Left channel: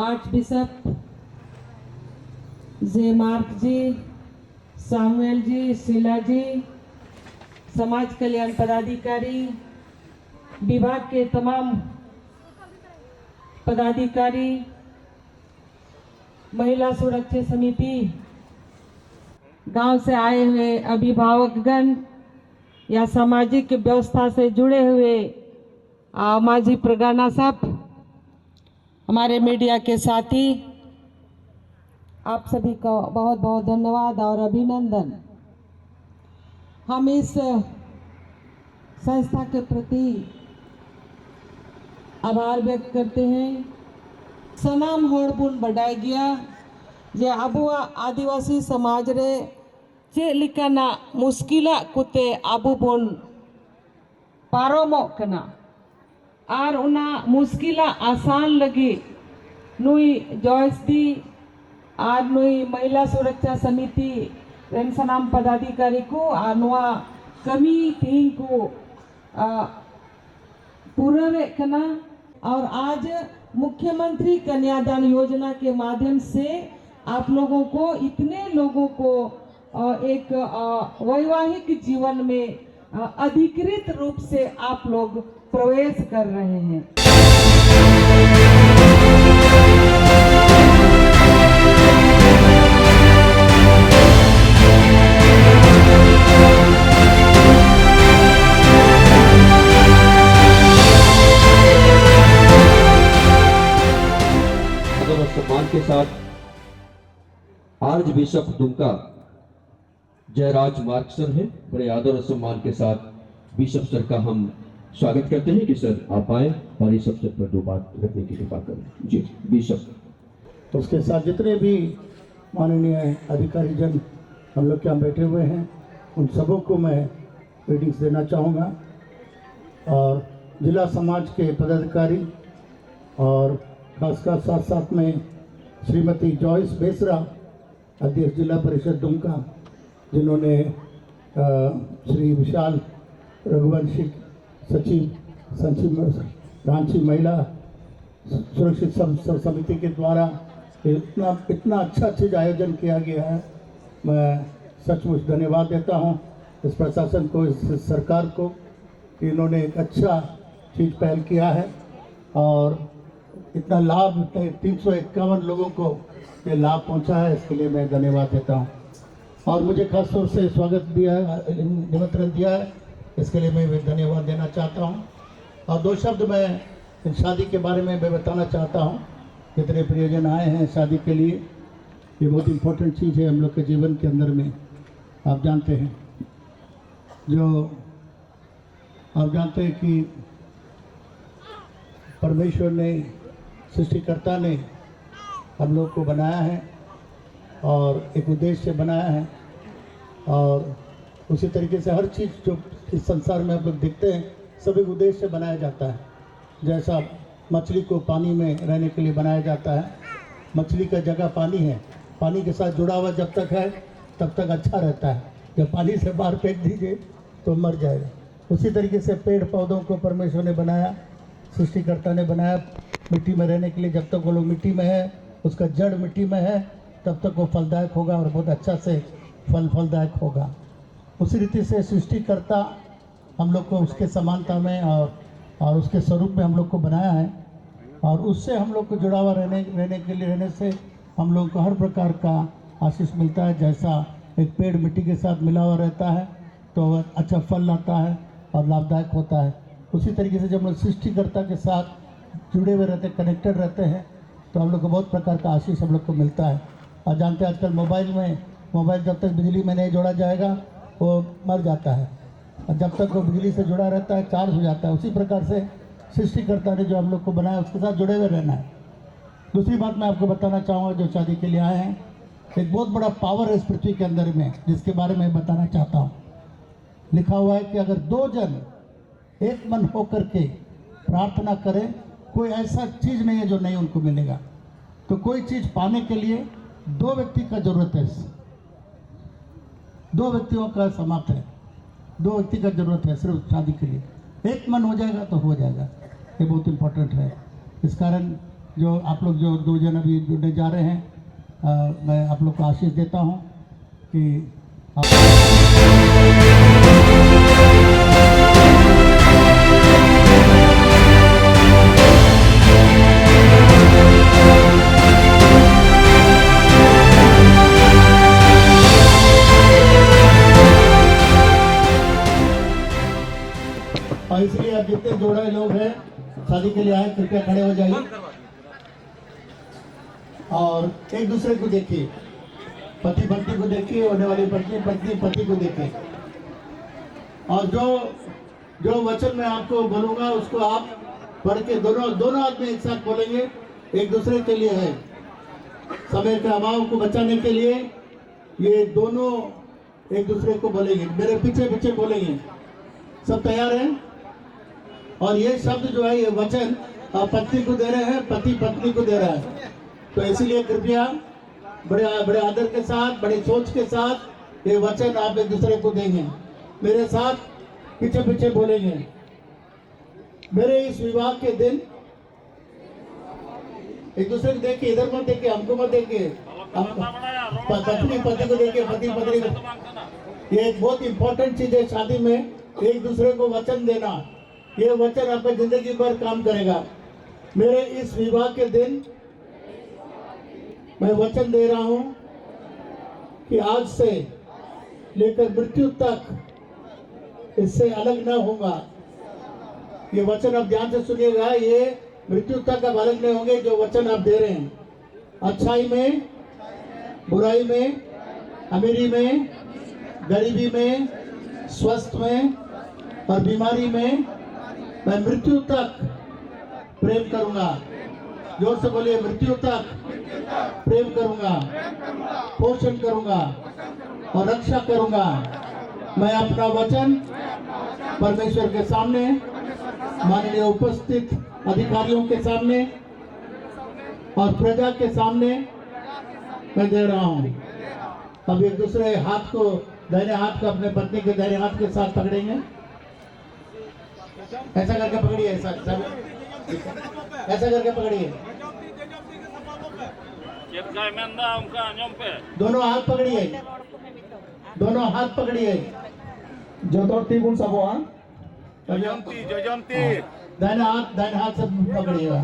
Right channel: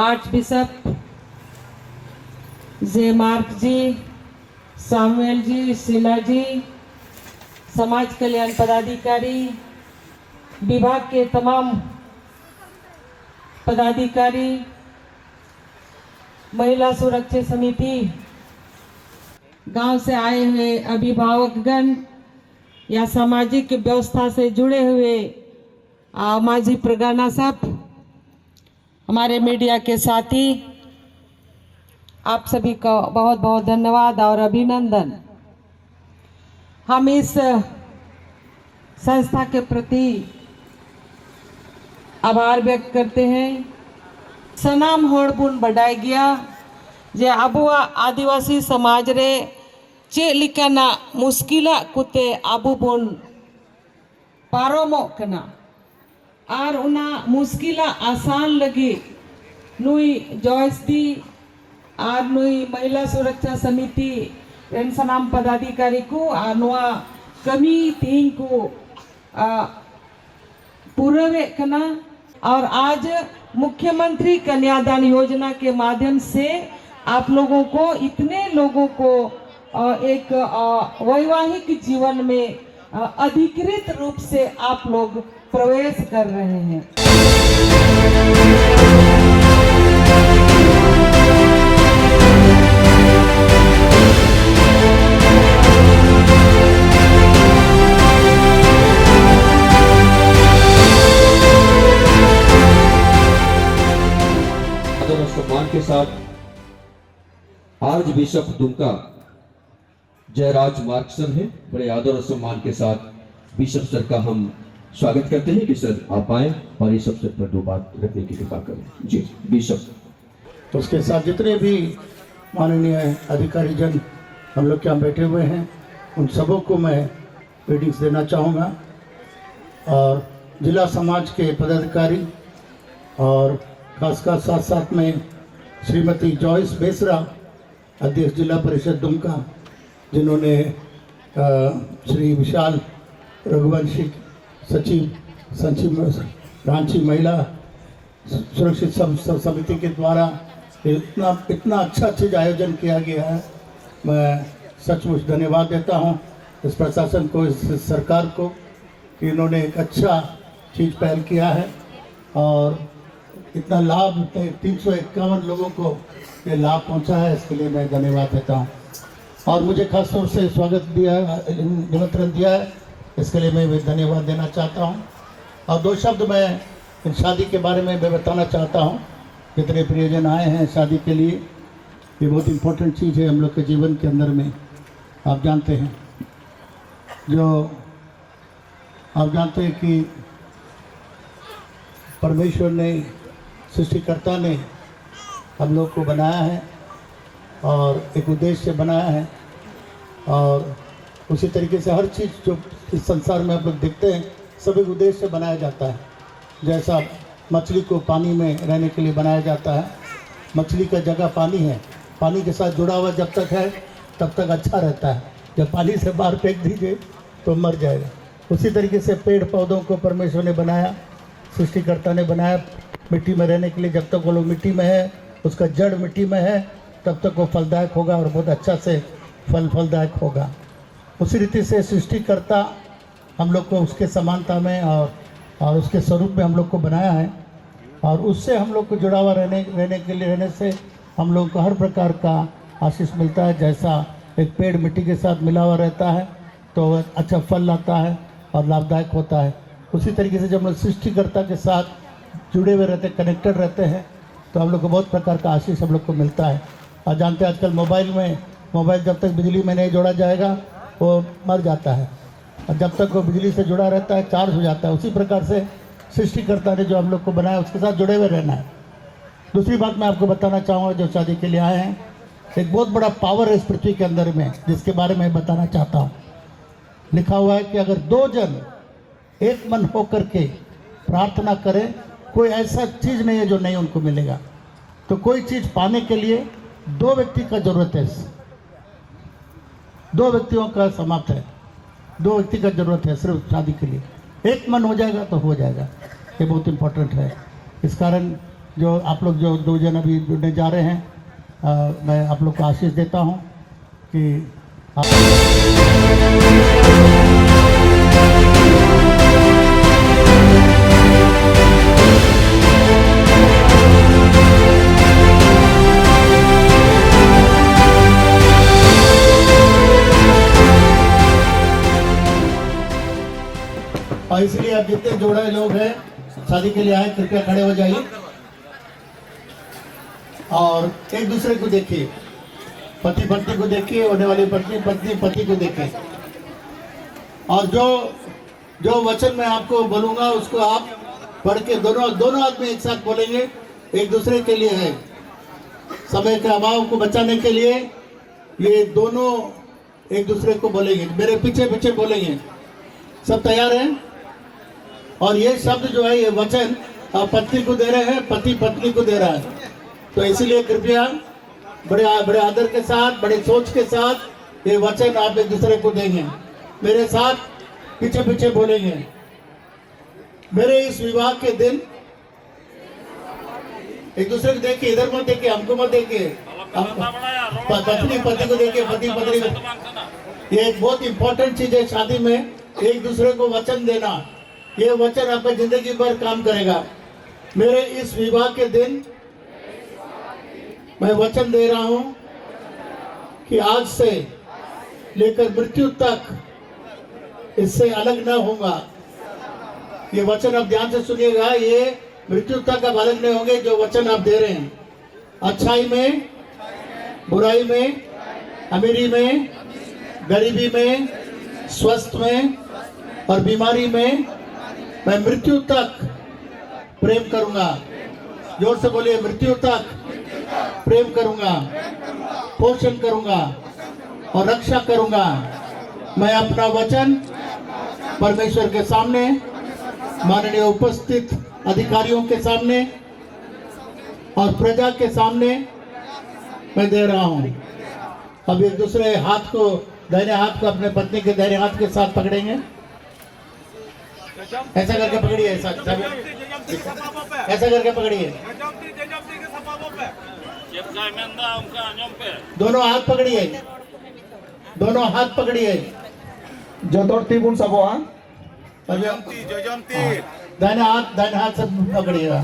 Arch bishop जे mark जी, सामुएल जी, शीला जी, समाज कल्याण पदाधिकारी, विभाग के तमाम पदाधिकारी, महिला सुरक्षा समिति, गांव से आए हुए अभिभावकगण या सामाजिक व्यवस्था से जुड़े हुए माजी प्रगाना साहब, हमारे मीडिया के साथी, आप सभी का बहुत बहुत धन्यवाद और अभिनंदन। हम इस संस्था के प्रति आभार व्यक्त करते हैं। सनाम होड़बुन बढ़ाई गया जे आबुआ आदिवासी समाज रे चे लिकाना मुश्किला कुते आबु बोन पारोमो कना और उना मुश्किला आसान लगी नुई जॉयस दी और नुई महिला सुरक्षा समिति रेन सनाम पदाधिकारी को अनुआ कमी तीन को पूरे कना और आज मुख्यमंत्री कन्यादान योजना के माध्यम से आप लोगों को, इतने लोगों को एक वैवाहिक जीवन में अधिकृत रूप से आप लोग प्रवेश कर रहे हैं। सम्मान के साथ archbishop Dumka Jayaraj Mark sir हैं, बड़े आदर और सम्मान के साथ बिशप सर का हम स्वागत करते हैं कि सर आप आए और इस अवसर पर दो बात रखने की कृपा करें। जी बिशप। तो उसके साथ जितने भी माननीय अधिकारी जन हम लोग यहाँ बैठे हुए हैं, उन सबों को मैं ग्रीटिंग्स देना चाहूँगा और जिला समाज के पदाधिकारी और खासकर साथ साथ में श्रीमती जॉयस बेसरा, अध्यक्ष जिला परिषद दुमका, जिन्होंने श्री विशाल रघुवंशी सचिव रांची महिला सुरक्षित समिति के द्वारा इतना अच्छा चीज़ आयोजन किया गया है। मैं सचमुच धन्यवाद देता हूं इस प्रशासन को, इस सरकार को कि इन्होंने एक अच्छा चीज़ पहल किया है और इतना लाभ 351 लोगों को ये लाभ पहुंचा है, इसके लिए मैं धन्यवाद देता हूं। और मुझे खास तौर से स्वागत दिया है, निमंत्रण दिया है, इसके लिए मैं भी धन्यवाद देना चाहता हूं। और दो शब्द मैं इन शादी के बारे में बताना चाहता हूं। जितने प्रियजन आए हैं शादी के लिए, ये बहुत इम्पोर्टेंट चीज़ है हम लोग के जीवन के अंदर में। आप जानते हैं कि परमेश्वर ने, सृष्टिकर्ता ने हम लोग को बनाया है और एक उद्देश्य से बनाया है और उसी तरीके से हर चीज़ जो इस संसार में आप लोग देखते हैं सब एक उद्देश्य से बनाया जाता है। जैसा मछली को पानी में रहने के लिए बनाया जाता है, मछली का जगह पानी है, पानी के साथ जुड़ा हुआ जब तक है तब तक अच्छा रहता है, जब पानी से बाहर फेंक दीजिए तो मर जाएगा। उसी तरीके से पेड़ पौधों को परमेश्वर ने बनाया, सृष्टिकर्ता ने बनाया मिट्टी में रहने के लिए। जब तक वो लोग मिट्टी में है, उसका जड़ मिट्टी में है, तब तक वो फलदायक होगा और बहुत अच्छा से फलदायक होगा। उसी रीति से सृष्टिकर्ता हम लोग को उसके समानता में और उसके स्वरूप में हम लोग को बनाया है और उससे हम लोग को जुड़ा हुआ रहने से हम लोग को हर प्रकार का आशीष मिलता है। जैसा एक पेड़ मिट्टी के साथ मिला हुआ रहता है तो वह अच्छा फल लाता है और लाभदायक होता है। उसी तरीके से जब हम सृष्टिकर्ता के साथ जुड़े हुए रहते, कनेक्टेड रहते हैं, तो हम लोग को बहुत प्रकार का आशीष हम लोग को मिलता है। और जानते हैं आजकल मोबाइल जब तक बिजली में नहीं जोड़ा जाएगा वो मर जाता है और जब तक वो बिजली से जुड़ा रहता है चार्ज हो जाता है। उसी प्रकार से सृष्टिकर्ता ने जो हम लोग को बनाया उसके साथ जुड़े हुए रहना है। दूसरी बात मैं आपको बताना चाहूँगा, जो शादी के लिए आए हैं, एक बहुत बड़ा पावर है इस पृथ्वी के अंदर में, जिसके बारे में बताना चाहता हूँ। लिखा हुआ है कि अगर दो जन एक मन होकर के प्रार्थना करें, कोई ऐसा चीज़ नहीं है जो नहीं उनको मिलेगा। तो कोई चीज़ पाने के लिए दो व्यक्ति का जरूरत है, दो व्यक्तियों का समाप्त है, दो व्यक्ति का जरूरत है सिर्फ शादी के लिए। एक मन हो जाएगा तो हो जाएगा, ये बहुत इम्पोर्टेंट है। इस कारण जो आप लोग जो 2 जन अभी जुड़ने जा रहे हैं, मैं आप लोग को आशीष देता हूँ कि और इसलिए आप जितने जोड़े लोग हैं शादी के लिए आए, कृपया खड़े हो जाइए और एक दूसरे को देखिए, पति पत्नी को देखिए, होने वाली पत्नी पत्नी पति को देखे। और जो वचन मैं आपको बोलूंगा उसको आप पढ़ के दोनों आदमी एक साथ बोलेंगे, एक दूसरे के लिए है। समय के अभाव को बचाने के लिए ये दोनों एक दूसरे को बोलेंगे, मेरे पीछे पीछे बोलेंगे। सब तैयार हैं? और ये शब्द जो है, ये वचन आप पत्नी को दे रहे हैं, पति पत्नी को दे रहा है। तो इसीलिए कृपया बड़े आदर के साथ, बड़े सोच के साथ ये वचन आप एक दूसरे को देंगे। मेरे साथ पीछे पीछे बोलेंगे। मेरे इस विवाह के दिन, एक दूसरे को देखिए, इधर मत देखिए, हमको मत देखिए, पत्नी पति को देखिए, पति पत्नी को। ये एक बहुत इंपॉर्टेंट चीज है शादी में, एक दूसरे को वचन देना। ये वचन आपका जिंदगी भर काम करेगा। मेरे इस विवाह के दिन मैं वचन दे रहा हूं कि आज से लेकर मृत्यु तक इससे अलग न होगा। ये वचन आप ध्यान से सुनिएगा, ये मृत्यु तक आप अलग नहीं होंगे। जो वचन आप दे रहे हैं, अच्छाई में, बुराई में, अमीरी में, गरीबी में, स्वस्थ में और बीमारी में, मैं मृत्यु तक प्रेम करूंगा। जोर से बोलिए, मृत्यु तक प्रेम करूंगा, पोषण करूंगा और रक्षा करूंगा। मैं अपना वचन परमेश्वर के सामने, माननीय उपस्थित अधिकारियों के सामने और प्रजा के सामने मैं दे रहा हूं। अब एक दूसरे हाथ को, दाहिने हाथ को अपने पत्नी के दाहिने हाथ के साथ पकड़ेंगे। ऐसा करके पकड़िए, ऐसा करके पकड़िए। दोनों हाथ पकड़िए, दोनों हाथ पकड़िए। जोतर तिबुन सबोआ दाहिना हाथ से पकड़िएगा।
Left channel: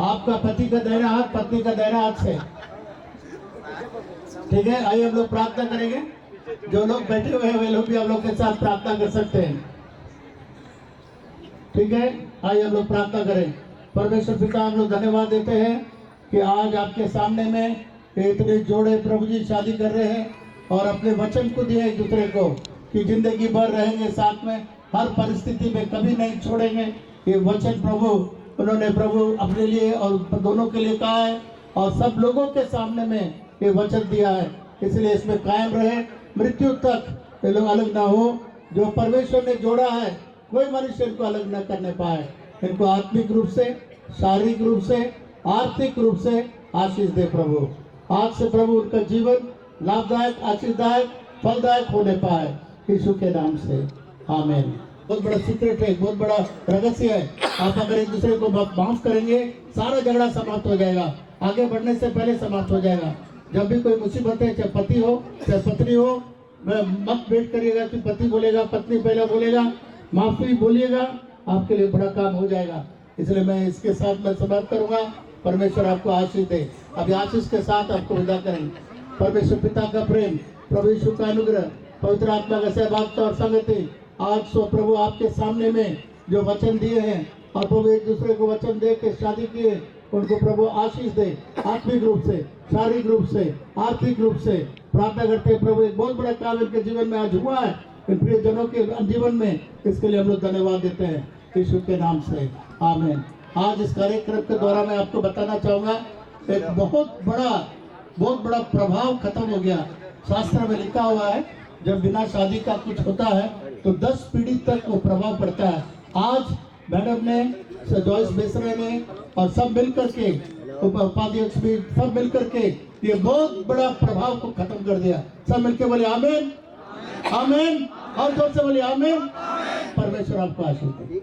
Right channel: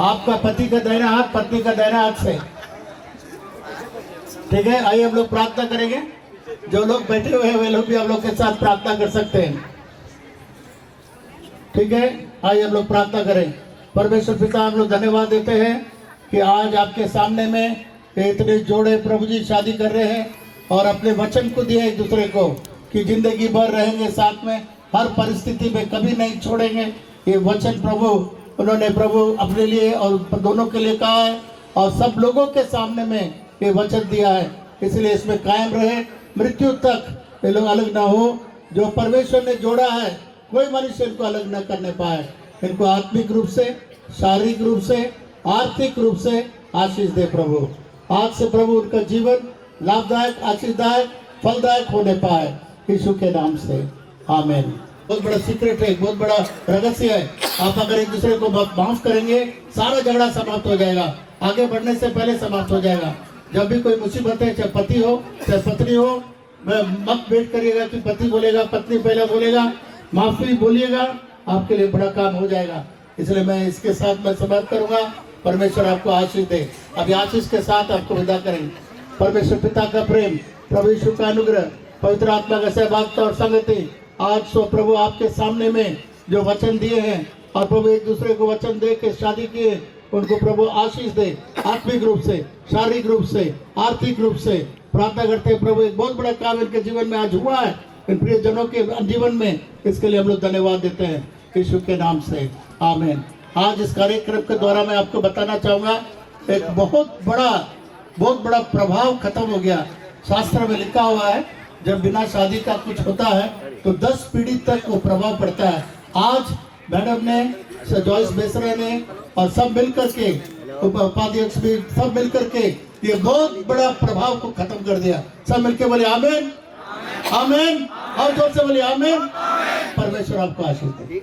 आपका पति का दाहिना हाथ, पत्नी का दाहिना हाथ से, ठीक है। आइए हम लोग प्रार्थना करेंगे। जो लोग बैठे हुए हैं वे लोग भी हम लोग के साथ प्रार्थना कर सकते हैं, ठीक है। आइए हम लोग प्रार्थना करें। परमेश्वर पिता, हम लोग धन्यवाद देते हैं कि आज आपके सामने में इतने जोड़े प्रभु जी शादी कर रहे हैं और अपने वचन को दिए एक दूसरे को कि जिंदगी भर रहेंगे साथ में, हर परिस्थिति में कभी नहीं छोड़ेंगे। ये वचन प्रभु उन्होंने प्रभु अपने लिए और दोनों के लिए कहा है और सब लोगों के सामने में ये वचन दिया है। इसलिए इसमें कायम रहे, मृत्यु तक ये लोग अलग ना हो। जो परमेश्वर ने जोड़ा है, कोई मनुष्य इनको अलग न करने पाए। इनको आत्मिक रूप से, शारीरिक रूप से, आर्थिक रूप से आशीष दे प्रभु। आज से प्रभु उनका जीवन लाभदायक, आशीषदायक, फलदायक होने पाए, यीशु के नाम से आमीन। बहुत बड़ा सीक्रेट है, बहुत बड़ा रहस्य है। आप अगर एक दूसरे को माफ करेंगे, सारा झगड़ा समाप्त हो जाएगा, आगे बढ़ने से पहले समाप्त हो जाएगा। जब भी कोई मुसीबत है, चाहे पति हो चाहे पत्नी हो, मत वेट करिएगा कि पति बोलेगा, पत्नी पहले बोलेगा। माफी बोलिएगा, आपके लिए बड़ा काम हो जाएगा। इसलिए मैं इसके साथ मैं समाप्त करूंगा। परमेश्वर आपको आशीष दे। अभी आशीष के साथ आपको विदा करेंगे। परमेश्वर पिता का प्रेम, प्रभु यीशु का अनुग्रह, पवित्र आत्मा का सहभागिता और संगति आज सो प्रभु आपके सामने में जो वचन दिए हैं और प्रभु एक दूसरे को वचन दे के शादी किए, उनको प्रभु आशीष दे। आत्मिक रूप से, शारीरिक रूप से, आर्थिक रूप से प्रार्थना करते हैं प्रभु। एक बहुत बड़ा काम इनके जीवन में आज हुआ है, इन प्रिय जनों के जीवन में। इसके लिए हम लोग धन्यवाद देते हैं यीशु के नाम से, आमीन। आज इस कार्यक्रम के द्वारा मैं आपको बताना चाहूँगा, एक बहुत बड़ा प्रभाव खत्म हो गया। शास्त्र में लिखा हुआ है, जब बिना शादी का कुछ होता है तो 10 पीढ़ी तक वो प्रभाव पड़ता है। आज मैडम ने, जॉयस बेसरे ने और सब मिलकर के, उपाध्यक्ष भी सब मिलकर के ये बहुत बड़ा प्रभाव को खत्म कर दिया। सब मिलके बोले आमीन, आमीन, और जोर से बोले आमीन। परमेश्वर आपको आशीष दे।